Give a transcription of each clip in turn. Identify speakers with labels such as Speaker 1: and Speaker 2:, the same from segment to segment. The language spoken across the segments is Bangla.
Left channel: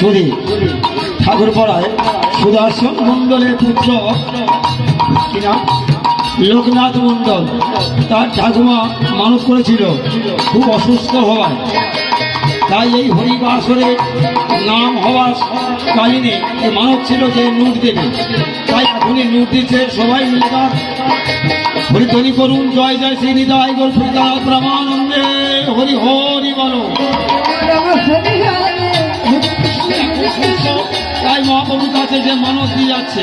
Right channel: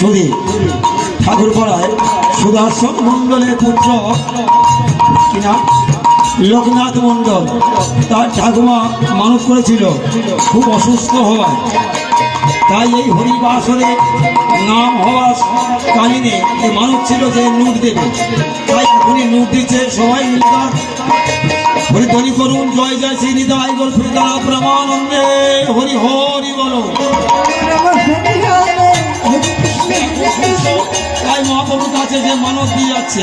Speaker 1: হরে
Speaker 2: ঠাকুরপাড়ায় সুদর্শন মণ্ডলের পুত্র কিনা লোকনাথ মণ্ডল। তার ঠাকুমা মানুষ করেছিল। খুব অসুস্থ হওয়ায়। তাই এই হরিবাসরে নাম হওয়ার কাহিনী মানব ছিল যে নুট দেবে। তাই এখনই নুট দিচ্ছে সবাই মিলে হরিধ্বনি করুন, জয় জয় শ্রী নিদায় ফিরদানা হরি হরি বলো। তাই মহাপ্রভুর কাছে যে মানব দিয়ে যাচ্ছে।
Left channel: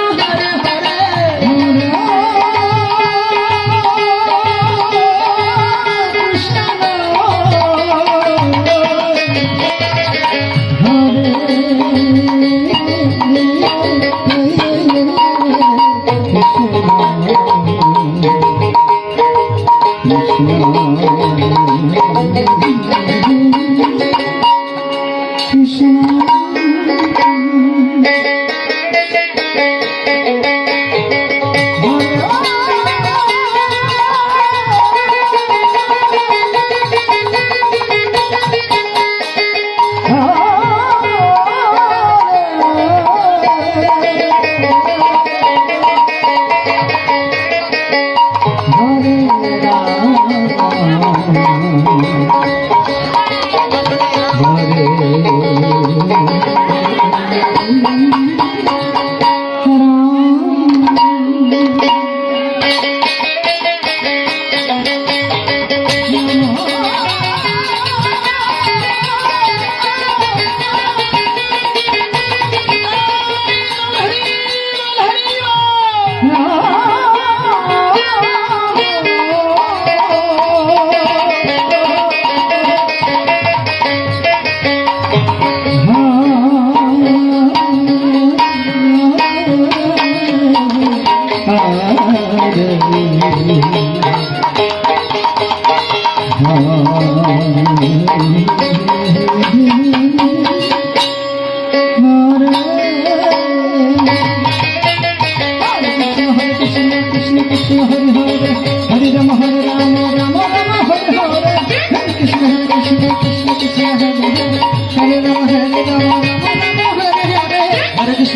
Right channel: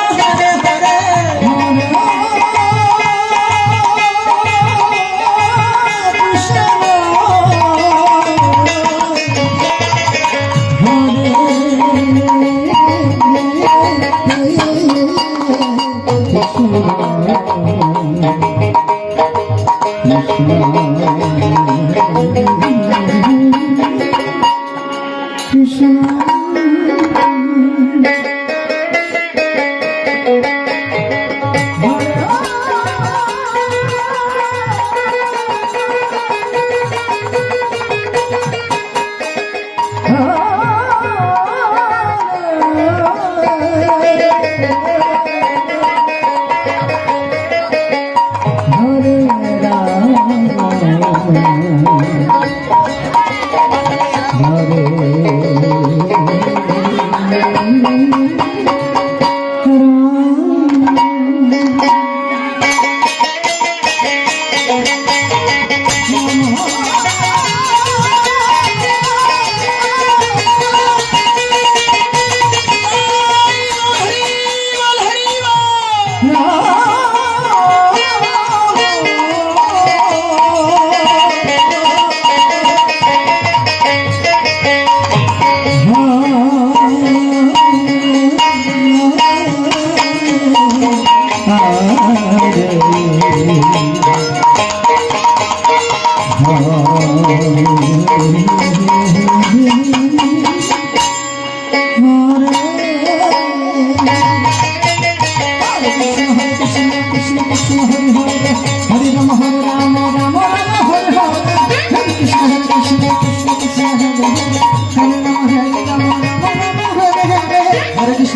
Speaker 1: হরে Oh,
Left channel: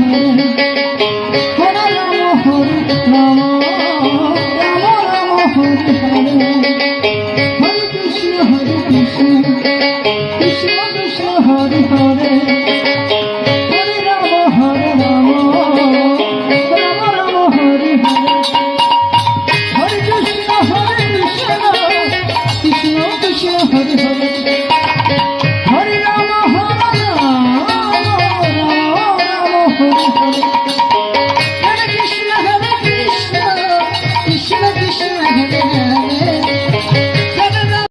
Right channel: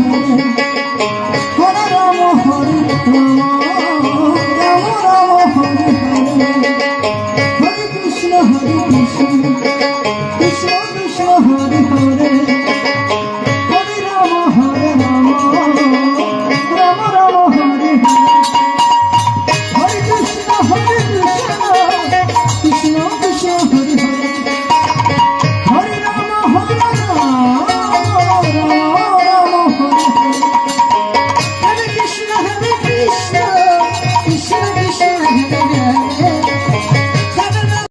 Speaker 1: 梦